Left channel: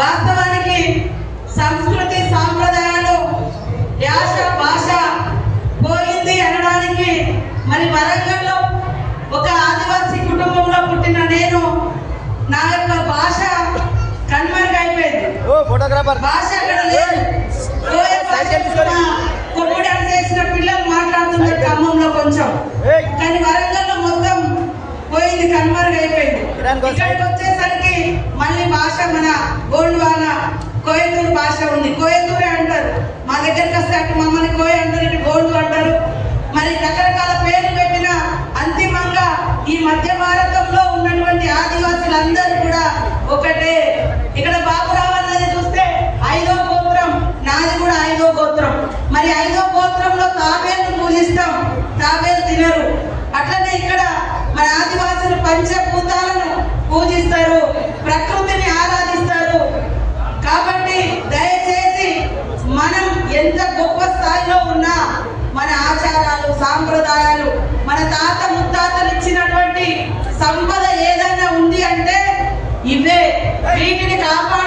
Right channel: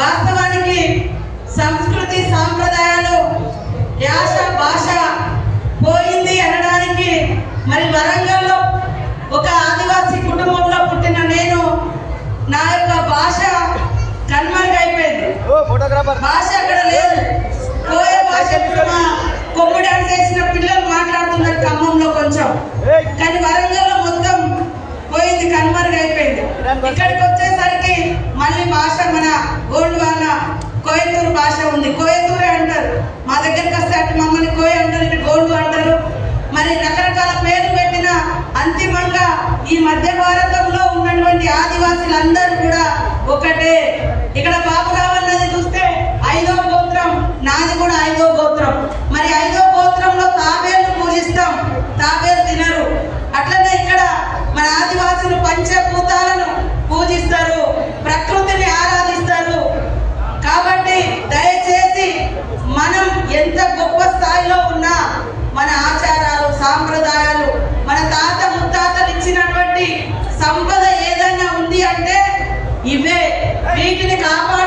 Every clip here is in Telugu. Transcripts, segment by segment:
వాస్తవానికి సంస్కృతి సాంప్రదాయాలు యాస భాష పోయింది అనడానికి. మరి వరంగల్లో ఒక ఆదివాసీ కుటుంబంలో పుట్టిన నేను నా యొక్క భాష కనుమరుగైపోయింది భాష అక్కడ లేదు. కొమ్ముడు చేసిన పిల్లలు మాట్లాడుతున్నారు ఖమ్మంలో కొంచెం. కానీ వరంగల్లో మొత్తం పోయింది కనుమరుగైపోయింది ఇక్కడికి మళ్ళీ భాష మన గోండ్వాన కోయతూరు భాష ఉంది. కోయతూరే అంటారు. మా దగ్గరికి వస్తే అటు మమ్మల్ని కోయ అంటారు ఇటు గోండు అంటారు. మరి రకరకాల పేర్లు పెట్టిన అంతిమంగా ఈ మధ్య భారతంలో ఉన్నటువంటి ఆదివాసులందరూ కూడా ఒకటే. ఇక్కడ బాబు vem aquele cara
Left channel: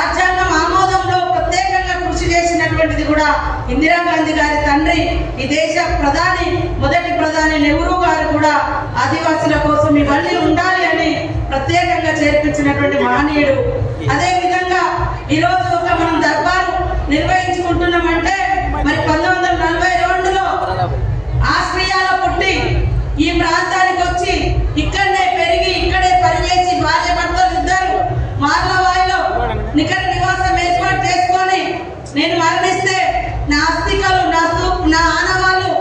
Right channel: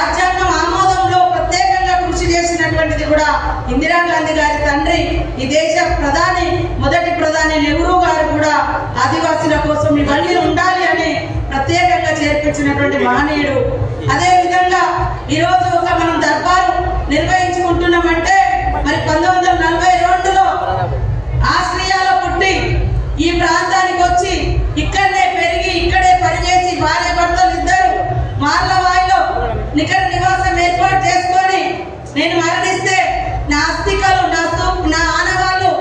రాజ్యాంగం ఆమోదంలో ప్రత్యేకంగా కృషి చేసినటువంటిది కూడా ఇందిరాగాంధీ గారి తండ్రి ఈ దేశ ప్రధాని మొదటి ప్రధాని నెహ్రూ గారు కూడా ఆదివాసుల కోసం ఇవన్నీ ఉండాలి అని ప్రత్యేకంగా చేర్పించినటువంటి మహనీయుడు. అదే విధంగా ఈరోజు ఒక మనం దర్బారు నిర్వహించుకుంటున్నామంటే మరి పంతొమ్మిది వందల నలభై రెండులో ఆస్ట్రియాలో పుట్టి ఈ ప్రాంతానికి వచ్చి ఇక్కడనే పెరిగి ఇక్కడే పనిచేసి భార్య భర్తలు ఇద్దరు మార్లవాయిలో నికర నివాసం ఏర్పాటు చేసుకొని నేను మరణిస్తే నా అస్థికలు నా స్తూ- నా ఆనవాళ్ళు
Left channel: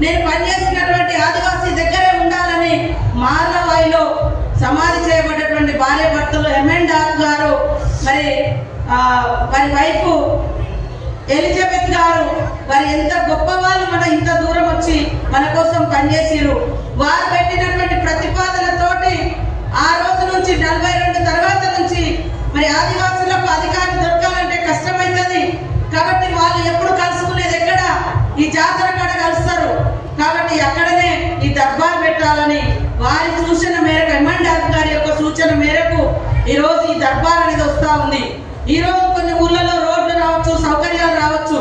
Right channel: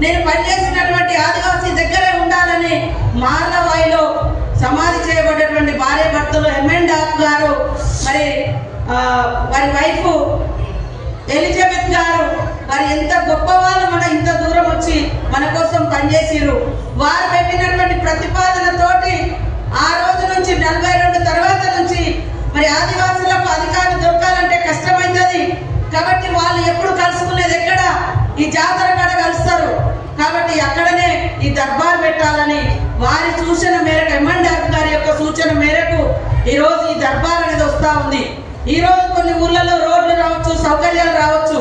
నేను పనిచేసినటువంటి ఆదివాసీ దగ్గరే ఉండాలని మార్లవాయిలో సమాధి చేయబడినటువంటి భార్య భర్తలు ఎంఎన్ డాక్ గారు మరి ఆ, వారి వైఫ్ ఎలిజబెత్ గారు మరి ఎంత గొప్ప వాళ్ళు మన ఇంత దూరం వచ్చి మన కోసం పనిచేసిరు వారు పెట్టినటువంటి ప్రతిపాదనతోటి ఆ రోజు నుంచి నలభై రెండు తర్వాత నుంచి మరి ఆదివాసులకు అధికారం దొరకాలంటే కష్టమైతుంది. కాబట్టి వాళ్ళు ఎప్పుడు కలుసుకునేది ఎక్కడ? ఈ జాతర కాడ కలుస్తారు. కాబట్టి అక్కడనే ఈ దర్బార్ పెట్టాలని వారి సూచన మేరకు ఎంఎన్ గారి యొక్క సూచన మేరకు ఈరోజు ఈ దర్బార్ అనేది వస్తా ఉంది. ఈ రోజు కొన్ని ఊర్లలో రోడ్లు రావచ్చు సౌకర్యాలు రావచ్చు.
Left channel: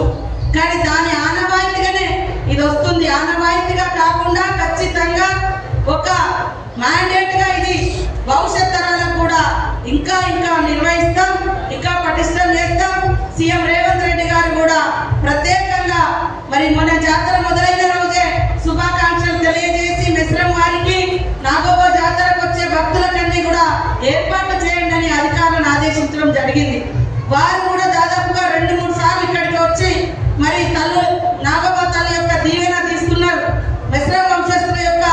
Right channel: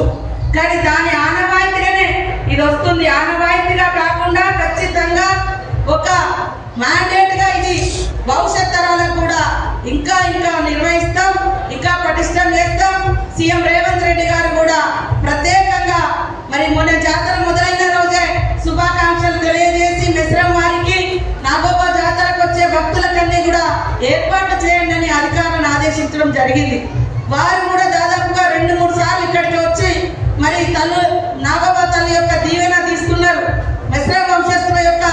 కానీ దాని ఆనవాయితీగానే ఇది వస్తుంది. ఆనవాయితీగా కాకుండా ఖచ్చితంగా ఒక మ్యాండేట్గా ఇది భవిష్యత్ తరాలకు కూడా ఇంకా ఇంకా నిర్వహిస్తాం ఇంకా పటిష్టం చేస్తాం. సీఎం రేవంత్ రెడ్డి గారు కూడా ప్రత్యేకంగా మరి మొన్న జాతర మొదలైన రోజే శుభాకాంక్షలు తెలియజేసి మిశ్రం వారికి నాగోబా జాతరకు వచ్చే భక్తులకన్నీ కూడా ఏర్పాటు చేయండి అని అధికారులను ఆదేశించడం జరిగింది వారు కూడా దాదాపుగా రెండు మూడు సార్లు ఇక్కడికి వచ్చి మరి తల్లు నాగోబా తల్లి యొక్క దీవెన తీసుకున్నారు మిశ్ర వంశస్థుల యొక్క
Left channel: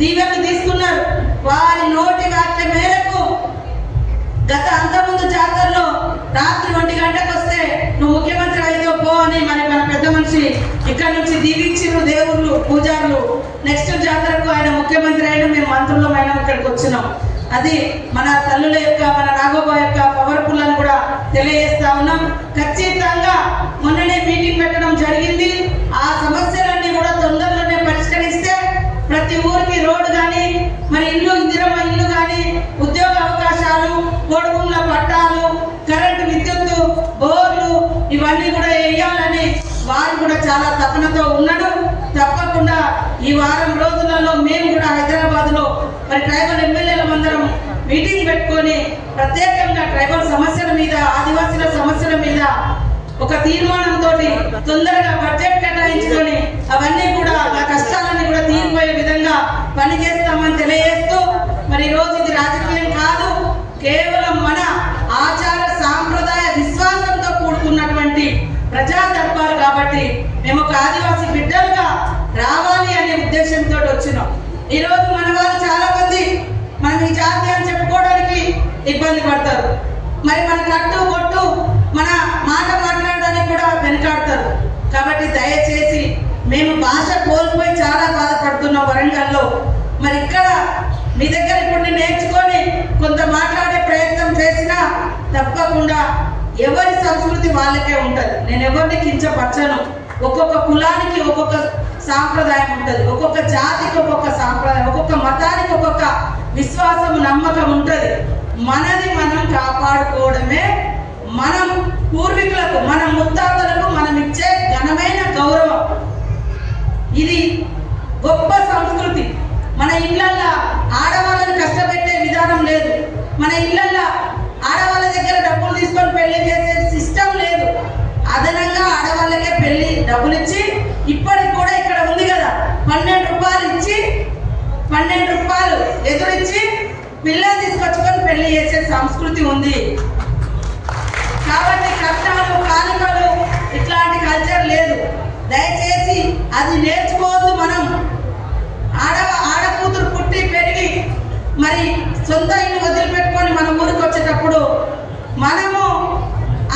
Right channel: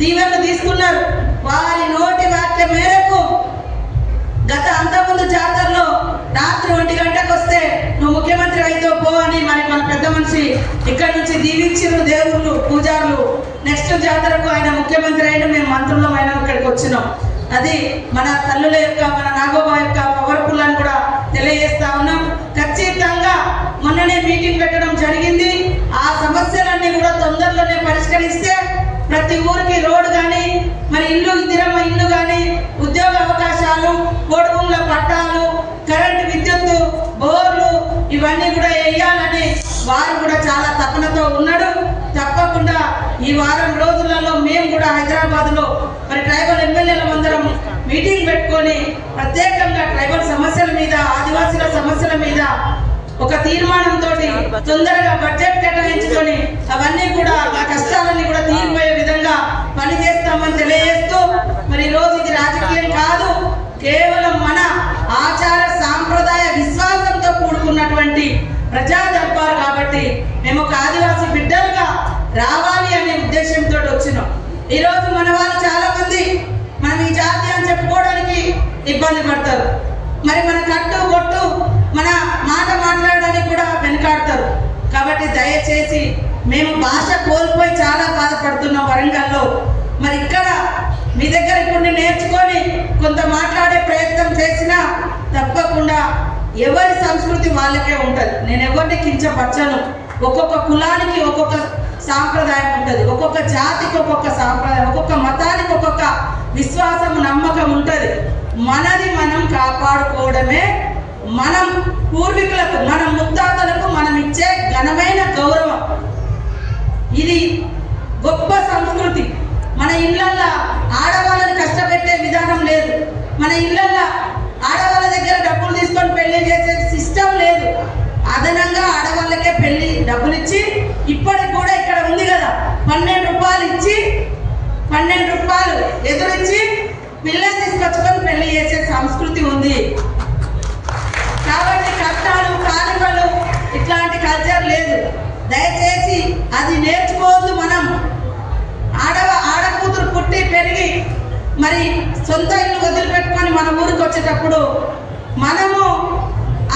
దీవెన తీసుకున్నారు వారి నోటి వాక్య మేరకు గత అంతకుముందు జాతరలో రాత్రి ఒంటి గంటకు వస్తే నువ్వు ముఖ్యమంత్రి అయితే పో అని మరి మన పెద్ద మనిషి ఇక్కడ నుంచి దీవించిన దేవుళ్ళు పూజారులు. నెక్స్ట్ జాతరకు ఆయన ముఖ్యమంత్రి అయిన మేము మంత్రులమైన ఇక్కడికి వచ్చినాం. అది మన తల్లుల యొక్క మన నాగోబా యొక్క పవర్ఫుల్ అని కూడా తెలియజేస్తా ఉన్నాం ఖచ్చితంగా మొన్ననే మీటింగ్ పెట్టడం జరిగింది ఆ సమస్యలన్నీ కూడా తొందరలోనే పరిష్కరిస్తే ప్రతి ఊరికి రోడ్డు కానీ మరి ఇల్లు ఇందిరమ్మ ఇల్లు కానీ ఉద్యోగ అవకాశాలు కోడుగుండ్ల పట్టాలు కరెంటు విద్యుత్తు బోర్లు ఇవన్నీ కూడా వేయాలని వారు కూడా చాలా తపనతో ఉన్నాడు. తప్పకుండా ఈ వారం రోజులలో మేము కూడా హైదరాబాద్లో మరి ట్రైబల్ ఎమ్మెల్యేల అందరం మీటింగ్ పెట్టుకొని ప్రత్యేకంగా ట్రైబల్ సమస్యల మీద ఆదివాసీల సమస్యల మీద ఒక తీర్మానంతో తొందరగా బడ్జెట్ కేటాయించుకొని అవన్నీ కూడా ఆ కష్టాలన్నీ కూడా తీరిపోయే విధంగా పని చేస్తామని తెలియజేస్తూ మరి ఈ రోజు ఇది రాజకీయం కాదు కేవలం మన ఆచార సాంప్రదాయ విశ్వాసంతో కూడుకున్నటువంటి ప్రజా దర్బారు కాబట్టి మేము ఒక ఆదివాసీ బిడ్డలుగా రావాలి అనే ఉద్దేశంతో వచ్చినాం. ఈరోజు మన వాళ్ళు చాలా మంది మనం ఈ జాతి అని చెప్పుకోవడానికి ఇబ్బంది పడతారు. మరి మన కట్టు కొట్టు మన మాట మాట్లాడడానికి వెనుకాడతారు. కాబట్టి దయచేసి మేము భాష కోల్పోయి చాలా బాధపడుతున్నాం వరంగల్లో. మరి ఇక్కడ మీ దగ్గర ఇప్పుడు నేర్చుకొని కొంత మాట్లాడే ప్రయత్నం చేసినా తప్పకుండా ఎవరి సంస్కృతి వాళ్ళకే ఉంటుంది. నేను ఎవరిని కించపరచను. ఒక్కొక్క కులానికి ఒక్కొక్క సాంప్రదాయం ఉంటుంది. ఒక్కొక్క జాతికి ఒక్కొక్క సాంప్రదాయం ఒక్కొక్క మతానికి ఒక్కొక్క విశ్వాసం నమ్మకం ఉంటుంది. మనది మనం కాపాడుకోవడమే మనం పూర్వీకులకు మన ముత్తాతలకు మనం ఇచ్చే ఘనమైన గౌరవం. ఇది గొప్ప సంస్కృతి. మన ఇళ్ళల్లో ఆడవాళ్ళని కష్టపెట్టే విధానం లేదు. మన ఇళ్ళల్లో ఆడవాళ్ళ దగ్గర డబ్బులు తీసుకొని పెళ్ళి చేసే సిస్టమ్ లేదు. అదనంగా ఆడవాళ్ళకే పెళ్ళి డబ్బులు ఇచ్చి ఇప్పటికి కూడా ఇక్కడ ఉంది కదా పన్నెండు రూపాయలు ఇచ్చి పన్నెండు రూపాయలు ఎదురిచ్చి పిల్లలు తీసుకొచ్చుకొని పెళ్ళి చేసే సంస్కృతి ఉంది. దయచేసి అది నేర్చుకోవద్దు మనం. ఆడవ ఆడకూతురు పుట్టి పెరిగి మరి సొంత ఇల్లు వదిలిపెట్టుకొని మన ఊరికి వచ్చేటప్పుడు మనము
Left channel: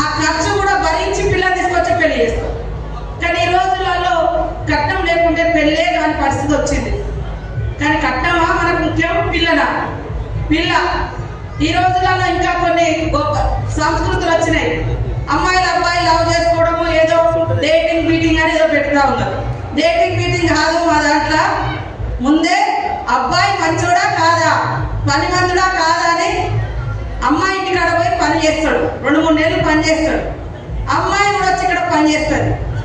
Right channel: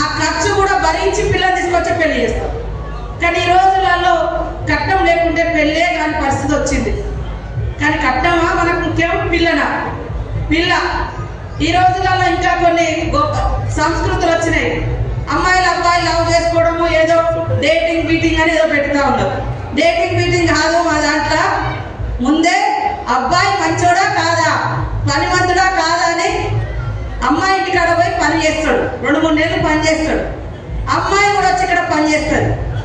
ఆ ఖర్చు కూడా భరించి పిల్లలు తీసుకొచ్చి పెళ్ళి చేస్తాం. కానీ ఈ రోజులలో కట్నం లేకుంటే పెళ్ళే కాని పరిస్థితి వచ్చింది. కానీ కట్నమా మనకు ముఖ్యం? పిల్లనా? పిల్ల. ఈ రోజులలో ఇంకా కొన్ని గొప్ప సంస్కృతులు వచ్చినాయి. అమ్మాయిలు అబ్బాయి లవ్ చేసుకోవడము ఏదో డేటింగ్ బీటింగ్ అని ఏదో పెట్టుతా ఉన్నారు డేటింగ్ బీటింగ్ కాదు మా దాంట్లో. ముందే అబ్బాయి మంచోడా కాదా? పని మందుడా కాదా అని అమ్మాయి ఇంటి కాడ పోయి పని చేస్తాడు. రెండు మూడు నెలలు పని చేస్తాడు. అమ్మాయి కూడా వచ్చి ఇక్కడ పని చేస్తాడు.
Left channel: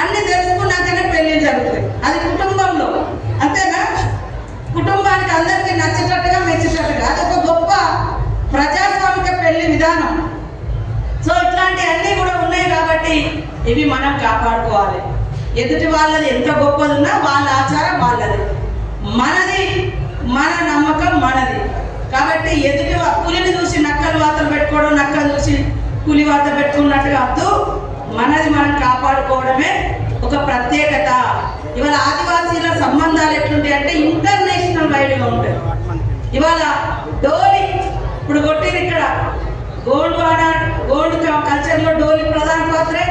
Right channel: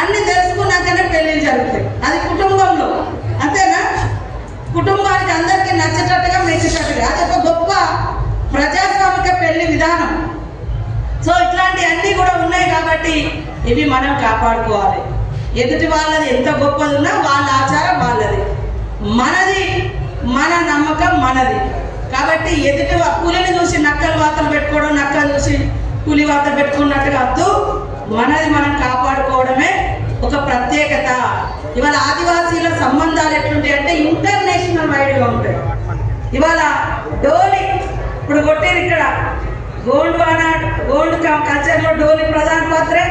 అన్ని తెలుసుకున్నాకనే పెళ్ళి జరుగుతాయి. అది కుటుంబంలో. అంతేనా? కుటుంబానికి అందరికీ నచ్చేటట్టుగా మెచ్చేటట్టుగా. అది ఒక గొప్ప ప్రజాస్వామిక పెళ్ళి విధానం. సో ఇట్లాంటివన్నీ కూడా ఉన్నాయి కాబట్టి ఇవి మనం కాపాడుకోవాలి. ఎదుటి వాళ్ళది ఎంత గొప్పది ఉన్నా వాళ్ళ ఆచారం వాళ్ళది. మనది మన నమ్మకం మనది. కాబట్టి ఎదుటి పులిని చూసి నక్కలు వాతలు పెట్టుకోవడం నక్కలు చూసి పులి వద్ద పెట్టుకున్నట్టుగా వద్దు. మనది మనం కాపాడుకోవడమే ఒక ప్రత్యేకత. ఇవాళ ఆదివాసీల సంబంధాలు ఎట్లుంటాయి అంటే ఇంటర్నేషనల్ వైడ్గా ఉంటాయి. ఇవాళ డోలి ఇప్పుడు కొట్టేది ఇక్కడ. గోండు అనా గోండు కల్చర్లో డోలి ప్రధాన పాత్రే.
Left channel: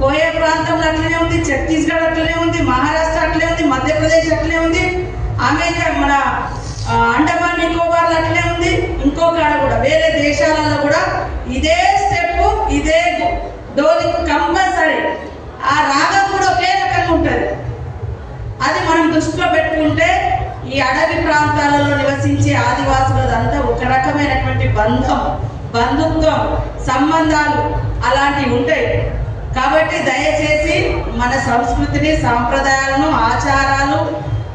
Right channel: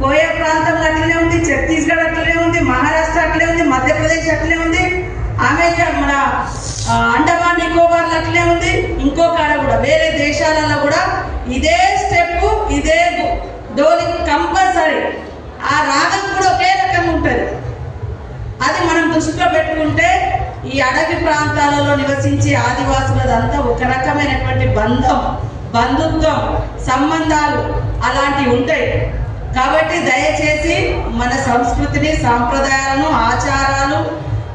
కోయ ప్రాంతంలో అట్లనే ఉంది ఛత్తీస్గఢ్ అట్లనే ఉంది మహారాష్ట్ర అట్లే ఉంది మధ్యప్రదేశ్ అట్లే ఉంది అమెరికా మన అండమాన్ నికోబార్లు అట్లే ఉంది. ఇంకో కాడ కూడా వేరే దేశాలలో కూడా ఇదే స్టెప్ ఇదే డోలి కంపల్సరీ. ఆ రాగం కూడా ఒకే రకంగా ఉంటుంది. అది మనం దృష్టిలో పెట్టుకుంటే ఈ అడవి ప్రాంతాలలో నివసించే ఆదివాసులదంతా ఒక రకమైనటువంటి బంధం బంధుత్వం సంబంధాలు అలాంటివి ఉంటాయి. కాబట్టి దయచేసి మన సంస్కృతిని సాంప్రదాయాలను ఆచారాలు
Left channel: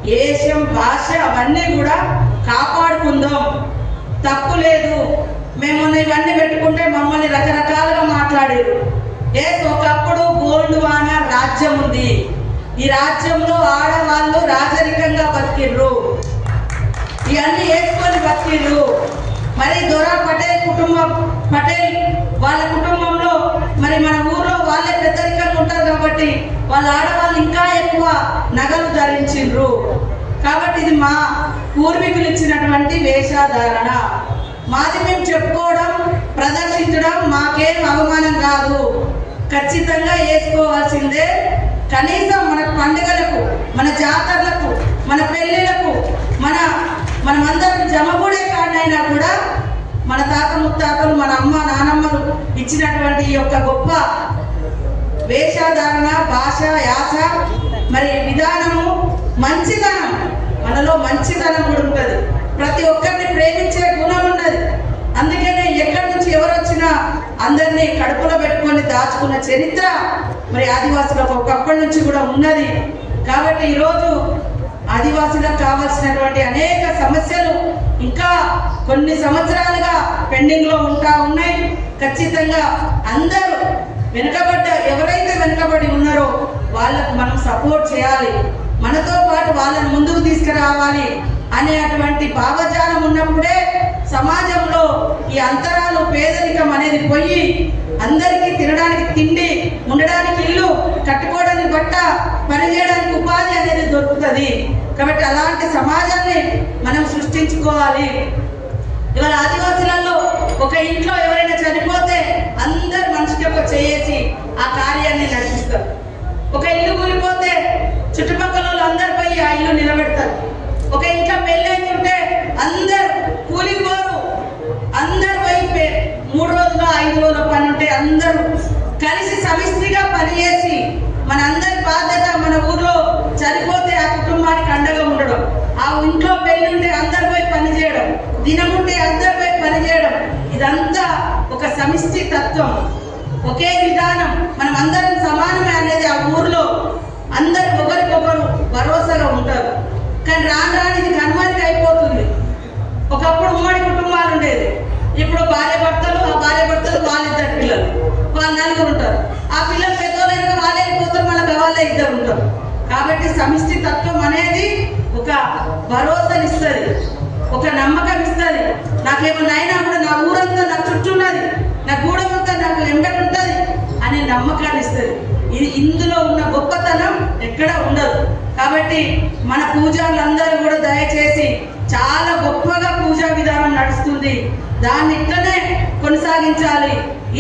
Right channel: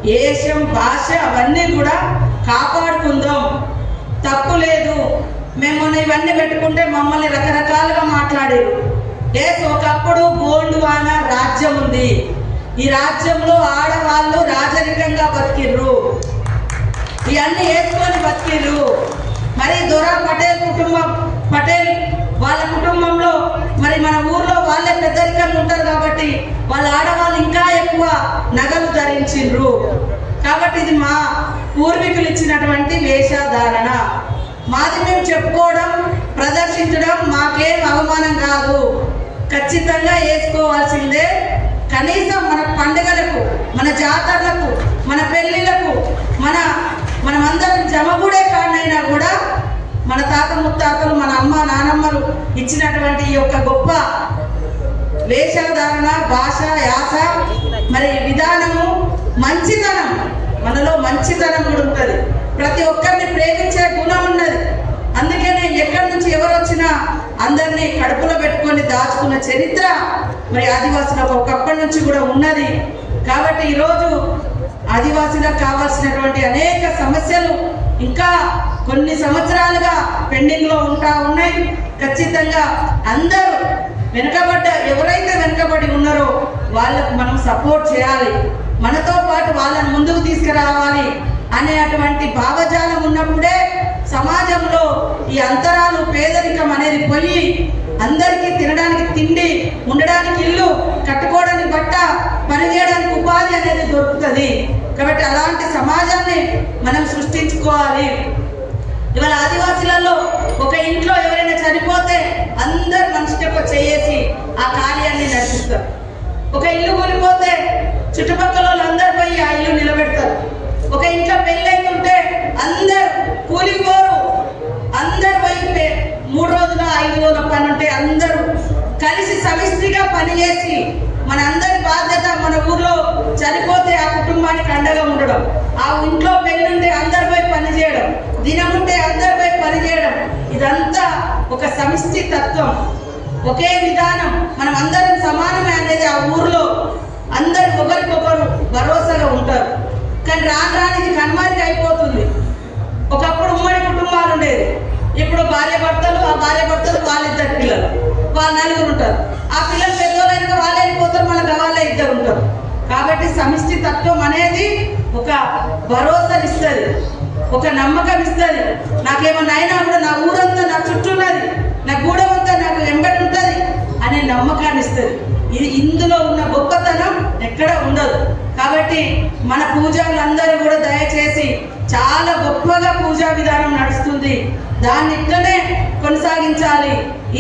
ఏషం భాష అవన్నీ కూడా కాపాడుకుందాం. తప్పు లేదు. మేము ఇవన్నీ పెట్టుకుంటే మమ్మల్ని రకరకాలుగా మాట్లాడారు. ఏ ఒకప్పుడు గోండువాన రాజ్యం ఉంది. ఈ రాజ్యంలో ఆడవాళ్ళు రాజరికంగా బతికిండ్రు ఇవన్నీ వేసుకొని బతికిండ్రు మరి దొరా పటేల్ కుటుంబం పటేల్ వాళ్ళ కుటుంబంలో మరి మన ఊర్లో వాళ్ళే పెద్దరికంగా ఉంటారు కాబట్టి వాళ్ళ ఆడవాళ్ళు ఇంకా ఎక్కువ నగలు ధరించిండ్రు కాబట్టి ఇది మా పూర్వీకులు ఇచ్చినటువంటి వేషధారణ. మాది మేము చెప్పుకోవడం ప్రదర్శించడం మాకేం అవమానం కాదు. ఖచ్చితంగా వేసుకోవాల్సిందే కనీసం మన పండుగలకు మన జాతరలకు మన పెళ్ళిళ్ళకు మన మనమందరం జమగూడే కాడనైనా కూడా మన తాత ముత్తాతలు మన అమ్మ నానమ్మలు ఇచ్చినటువంటి ఈ యొక్క గొప్ప వేషధారణ భాష యాస మరి విధానము మంచితనం. మనలో మంచితనం కూడా ఉంటుంది. ప్రతి ఒక్కరిని ప్రేమించే గుణం ఉన్నది. అందుకనే ఎక్కడి నుంచి ఎవరు వచ్చినా అందరినీ కడుపులో పెట్టుకొని దాచుకున్న చరిత్ర మరి ఆదివాసులకు ఒకప్పటి నుంచి కూడా ఉన్నది. కాబట్టి ఈరోజు ఆదివాసులకు కావాల్సినటువంటి అనేక సమస్యలు ఇంకా కొన్ని సంవత్సరాలుగా పెండింగ్లో ఉంటా ఉన్నాయి. ఖచ్చితంగా అందరూ వెనుకబడ్డ ఎవరైతే వెనుకబడి ఉన్నారో వాళ్ళకు మనం సపోర్ట్ చేయాలి. మనతో పాటు వాళ్ళని ముందుకు తీసుకురావాలి అనేటువంటి భావజాలం ఉన్నప్పుడే సమాజంలో ఈ అంతరాలు పేదరికం అనేది పోయి అందరికీ తినడానికి తిండి ఉండడానికి ఇల్లు కట్టుకోవడానికి బట్ట పనిచేయడానికి ఉపాధి అనేది దొరుకుతుంది. కాబట్టి అలాంటి సమాజాన్ని మనం సృష్టించుకోవాలి. ఇవాళ ఆదివాసులలో ఒక ఇంట్లో ఎవరైనా చనిపోతే అందరు మనిషికి ఒక చేసి ఆ కార్యాన్ని నడిపిస్తారు. ఒక ఇల్లు కూలిపోతే చుట్టుపక్కల వాళ్ళు అందరు పోయి ఆ ఇల్లు నిలబెడతారు. ఒక ఇంట్లో పెళ్ళైతుంటే అందరు కూలికి పోరు అందరు పోయి మూడు రోజులు ఐదు రోజుల పని ఉంటే అందరూ కలిసి సమిష్టిగా పనిచేసి మన అందరి బాధ్యత మన ఊర్లో చనిపోతే ఆ కుటుంబానికి అండగా ఉండడం ఆ ఇంట్లో పెళ్ళుంటే అందరు పోయి పనిచేయడం దినముంటే అందరు పోయి పనిచేయడం ఇదంతా ఒక సమిష్టి తత్వం. ఒకే విధానం మనం అందరం సమానమే అనేది ఆ ఊర్లో అందరు ఒకరికొకరు భరోసాలో ఉంటారు. కానీ రాను రాని ఇది కనుమరుగు అయిపోతుంది ఒకప్పుడు ఉమ్మడి కుటుంబాలు ఉండేది ఇప్పుడు భార్య భర్తలు ఆ భార్య భర్తలు వాళ్ళిద్దరు పిల్లలు. వాళ్ళు నలుగురు ఉంటారు. ఆ పిల్లలు పెద్దోళ్ళైనా వాళ్ళే వెళ్ళిపోతారు మళ్ళీ వాళ్ళే ఇద్దరు ఉంటారు. కాబట్టి సమిష్టి తత్వం అనేది ఒక భరోసానిస్తుంది ఒక నమ్మకం ఇస్తుంది నాకేమన్నా అయినా కూడా నా ఊరంతా నా చుట్టూ ఉన్నది నా గూడమంతా నాకు వెంబడి ఉంటుంది అనే నమ్మకాన్ని ఇస్తుంది ఇది ఇందులో ఉన్న గొప్పతనం ఎక్కడ ఉండదు. కాబట్టి మన పూజలందరూ కూడా దయచేసి చాలా గొప్పగా పూజా విధానం నడుస్తుంది. దాన్ని ఇక్కడనే కొనసాగించాలి.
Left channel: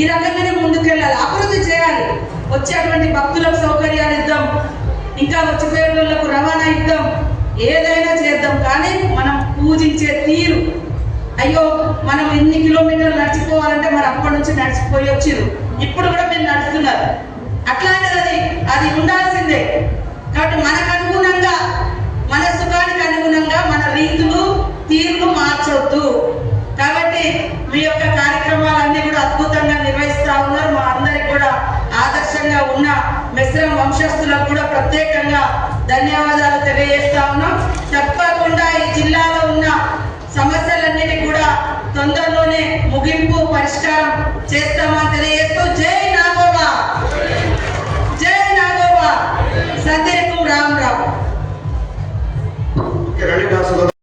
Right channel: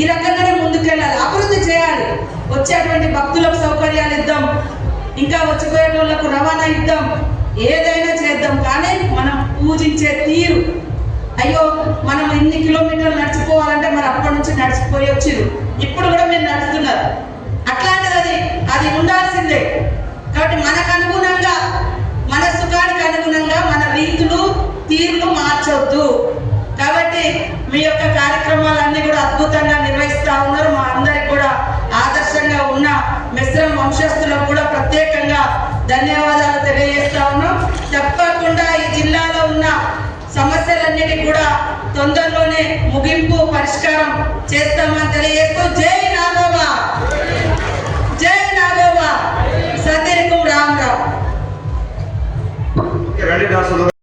ఈ రకంగానే ముందుకెళ్ళాలి. అభివృద్ధి చేయాలి. వచ్చేటువంటి భక్తులకు సౌకర్యాలు ఇద్దాం. ఇంకా వచ్చేటోళ్ళకు రవాణా ఇద్దాం. ఏదైనా చేద్దాం. కానీ మనం పూజించే తీరు. అయ్యో మనం ఎన్ని కిలోమీటర్లు నడిచిపోవాలంటే మరి అప్పటి నుంచి నడిచిపోయి వచ్చిరు ఇప్పుడు కూడా మీరు నడుస్తున్నారు. అట్లాంటిది అది అది ఉండాల్సిందే. కాబట్టి మనకు అనుగుణంగా మన సుఖానికి అనుగుణంగా మన రీతులు తీర్లు మార్చొద్దు. కాబట్టి మీ యొక్క కార్యక్రమాలన్నీ కూడా అద్భుతంగా నిర్వహిస్తా ఉన్నారు. మా అందరికి కూడా ఆదర్శంగా ఉన్న మిశ్రమ వంశస్థులకు కూడా ప్రత్యేకంగా ధన్యవాదాలు తెలియజేస్తా ఉన్నాం. తప్పకుండా ఈ జిల్లాలో ఉన్న సమస్యలన్నిటి కూడా తొందరలోనే ముగింపు పరిష్కారం చేస్తామని